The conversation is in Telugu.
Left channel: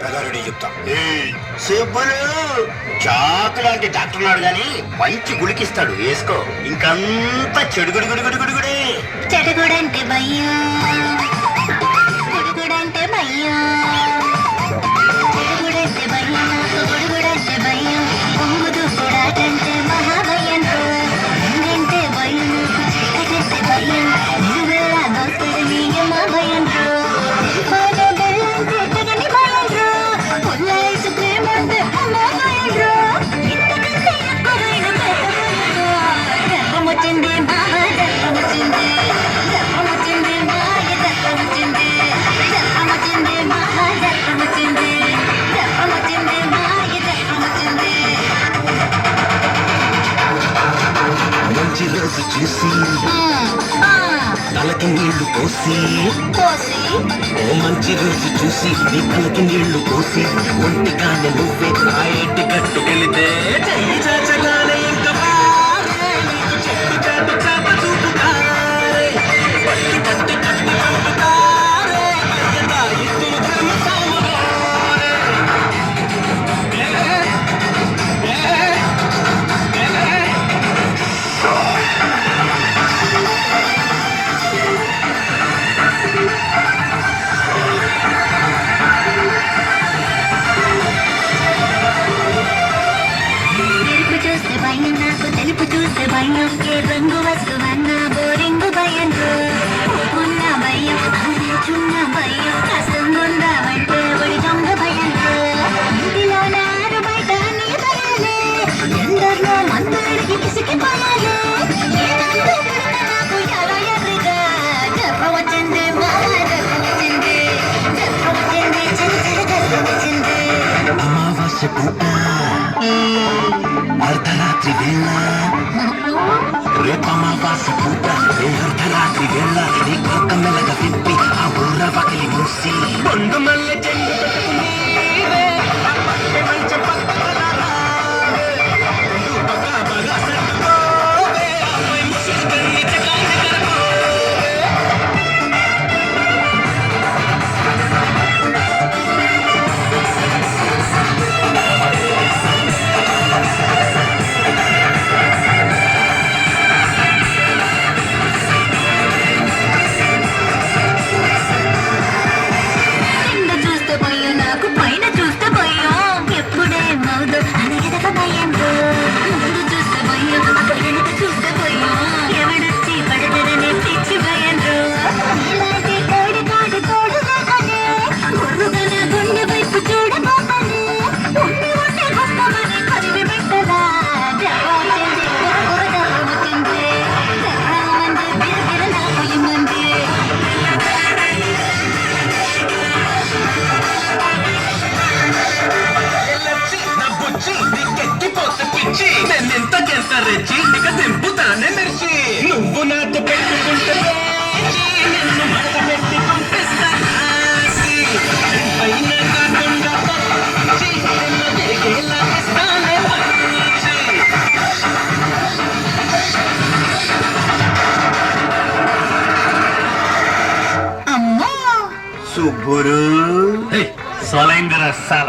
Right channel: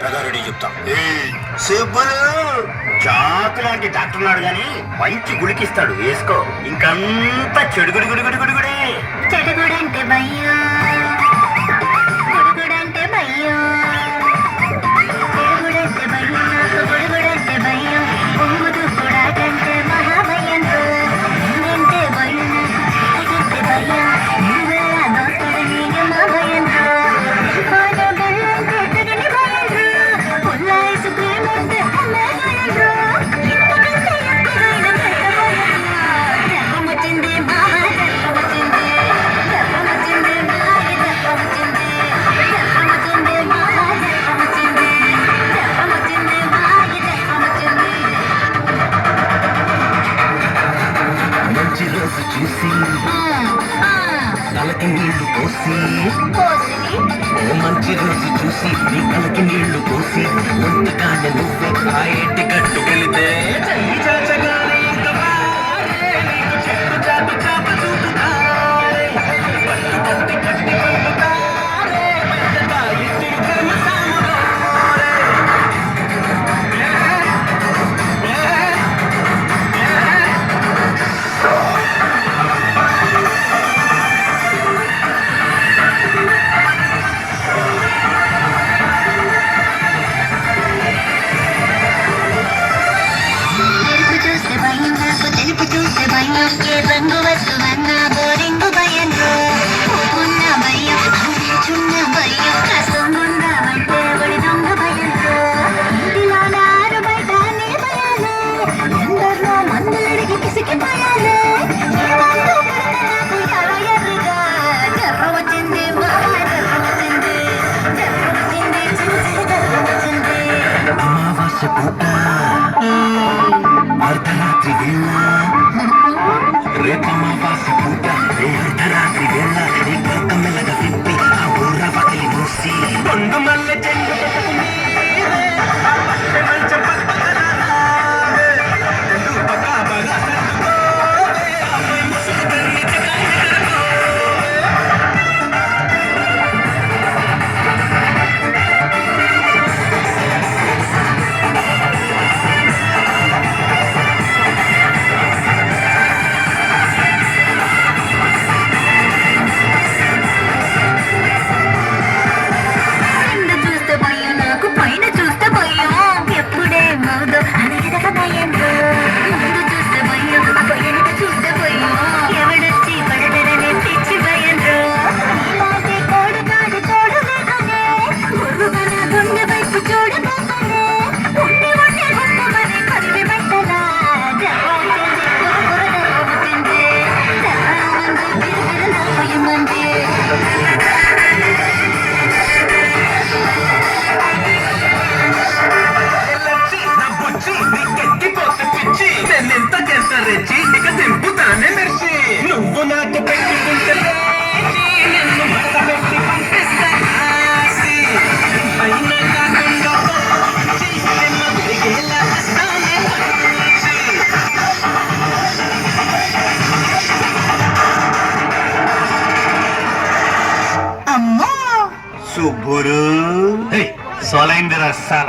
పెదారెడ్డి చెప్తా సుబ్బులు చాకు లాంటి డాక్టర్ ఉన్నాడు గాని మంచి గుడికిస్తాడు, వేసుకో. ఇంకంతా చెడుగుడు గుడి గుడి గుడి గుడి. చెడుగుడంటే భయ్యా, గుడుగుడంటే భయ్యా, చెడుగుడంటే భయ్యా, నాకు గుడుగుడంటే భయ్యా. పొంగుదు కూడాటంటే మహాభయం, అంటే భయం, అంటే భయం. నువ్వెలా దోస్తుడు నీకు మా భయం, చూసి తలకి నీళ్లు పోసి, ఓ మంచి రోజు చూసి నీ తలకి నీళ్లు పోసి, ఒంటిగానే నువ్వే ఆ ఎట్టి కట్టు వెళితే చల్లి చాచగానే ఇంకా చెట్టు చాటు చాప చూపుతారే, పట్టి పట్టి కట్టి చూపుతారే, పెద్దగా ఇద్దరు ప్రేమ సాముగారే. తెలుపు చూస్తే భయం, ఏ రంగు వస్తువన్నా బోరింగు భయం, ఉన్న భయం, చున్న భయం, కసంగుండా అంటే ఒడి దొంగ భయం. ఇంటిలో నారు బయట నీ భయాలే, ఎందరిలో మందులడికి పిసికిపోయాలే. నాకు ఎలా ఎర్రిగా జబ్బ వచ్చింది, మా జబ్బ వచ్చింది, జబ్బ వచ్చింది, చిన్న జబ్బ వచ్చింది. అమావాస్య పూట అర్ధరాత్రి వేళ, రేపమావాస్య పూట అర్ధరాత్రి వేళ, నీ పక్క మెల్లగా తిప్పి ఆ ఊర పక్కలి మూసి పొందు మల్లె చెండు పెట్టుకుని మంచం నువ్వు నాతో పెట్టుకుంటే నిన్ను మట్ట పెట్టి పంపిస్తా. అయినా కాకుండా అమ్మో సుబ్బురు సోలైంది రసాల